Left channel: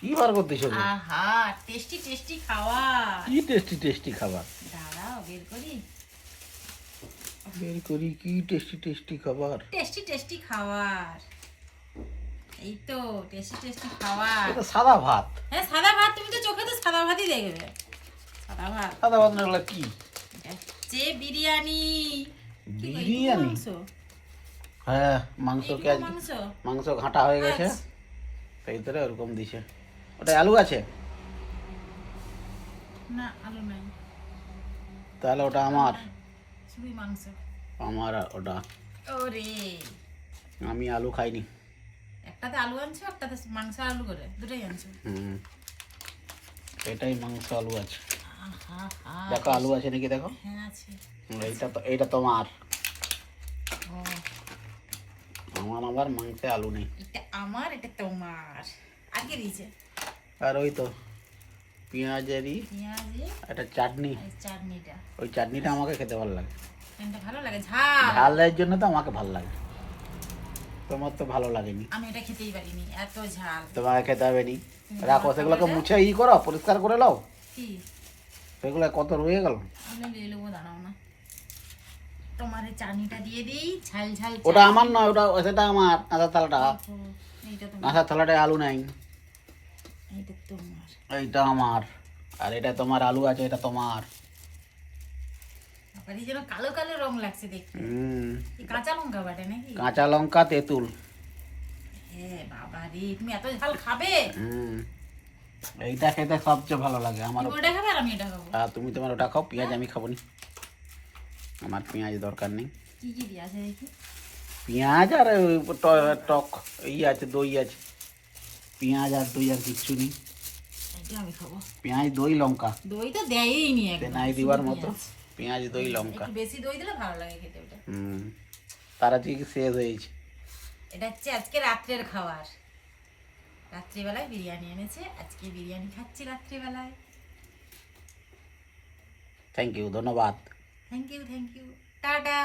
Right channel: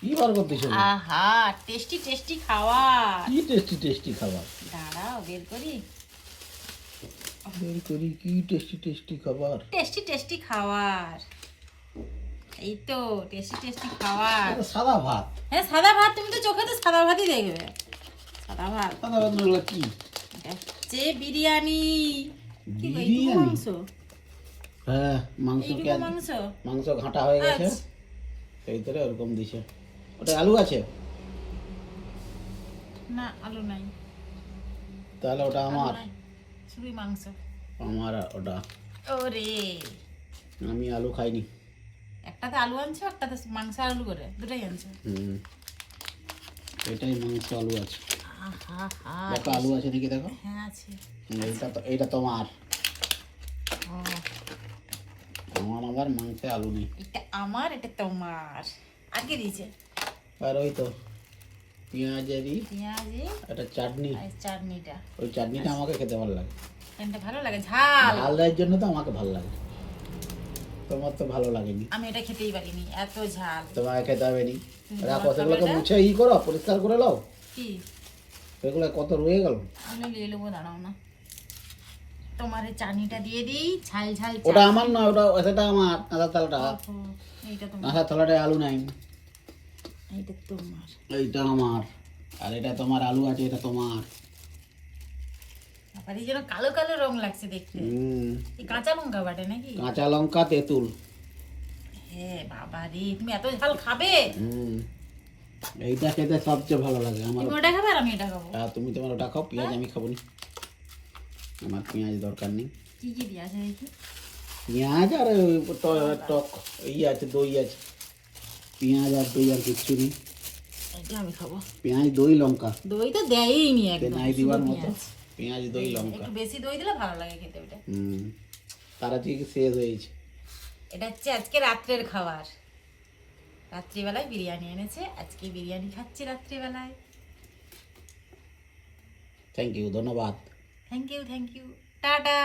কি বার করতেছ? আহা, টেস্টি টেস্টি খাবার। কি টেস্টি টেস্টি খাবার? দাঁড়াও বের করি। বের করি কি টেস্টি টেস্টি খাবার? টেস্টি টেস্টি খাবার, এই তো টেস্টি টেস্টি খাবার। এটা সাদা ভাত। হ্যাঁ সাদা ভাত, তুমি তো চোখে তো সাদা ভাতই দেখবে। সাদা ভাত। সাদা ভাত না হলে কি? যে বিরিয়ানি। কি গো, এইটুকু বিরিয়ানি? মাংস? হ্যাঁ মাংস এইটুকু কে মাংস? মাংস ঘাটা হয়ে গেছে, আচ্ছা। সেই ভিতরে ওরকম দিছে। ওটা আলু আছে? না আলু নাই। তাহলে ওটা আমার। আলু নাই, শুধুই মাংস। আমার ওটা। ওরে, আমি আলু খাইনি। একটাতে আলু আনছো, একটাতে মাংস আলু করে দুটোই আনছো। হুম, এটাই মাংস আলু আছে। আহা হা। দেখো আলু আছে নাকি দেখো। হ্যাঁ আছে। এইটা তো, এইটা তোমার। ও, আমার আবার মাংসে আলু নেই। এটা আমার, এটা তোমার। আগে দিয়েছে আর ওই তো পেঁয়াজেরই পেঁয়াজি একটা চাটনি। আর চাটনিটা। ওই চাটনিটা আমাকে খেতে ভালো লাগে। এটা ভালো লাগে ঝাল। ঝালের জন্য তো আমাকে ভালো লাগে, তোমার তো ভালো লাগেনি। আমি এটা খেতেই পারিনি, এত ঝাল। তোমাকে খেতে হবে নি। তুমি রাখো, তোমার সেগুলোকে খাবারটা? মুছে করো, পরিষ্কার করে নাও। কি সেগুলো কত রয়ে গেল। আমি নিয়ে নেবো, দাঁড়াও না। তোমার এই চাটনিটা দিয়ে দিই, ঝাল ঝাল ওটা চাটনি। আমার নয়, ওটা সেটা আমার। কাঁচা থালাটা, ওহো, এইটা তোমার, কাঁচা থালাটায় আলু নাই। এইটা তোমার। এইটা আমার। আর এটা তোমার আলু আছে, এটা তোমার। আবার এই যেন কালো কালো রং লাগছে দেখতে। এই কাঁচা লঙ্কা বাটে নাকি? কাঁচা লঙ্কা, তেঁতুল। হ্যাঁ বাবা রে, তুমি এত ঝাল খাবে? এইটা খেতে সবচেয়ে ভালো লাগে আমার। তুমি ওটা খাবে আর আমি এটা খাবো। আর তুমি তোমার ওটা খাও, পেঁয়াজ আমি খাবো নি। আমার পেঁয়াজ দরকার নেই। কি কি দিয়ে আছে দেখি? পেঁয়াজ আর ওই টক এই আছে, দই আছে। পেঁয়াজ আর দই আর কিচ্ছু নেই। এটা আমি খাবো। পেঁয়াজ, দই, লঙ্কা। দই তো দেয়ই নি একদম। নাই দিবার মতো। পেঁয়াজ। পেঁয়াজ, দই, লঙ্কা। একটু বেশি দই দিলে ভালো লাগে খেতে ওটা। তারা ঠিক শেষ হয়েছে। এটা হচ্ছে আজকে রাত্রের খাবার। রাত্রিবেলায় বিরিয়ানি এনেছে, আজকে বিরিয়ানি খাচ্ছি রাত্রিবেলায়। থ্যাংক ইউ, ধন্যবাদ। Thank you, thank you, tata.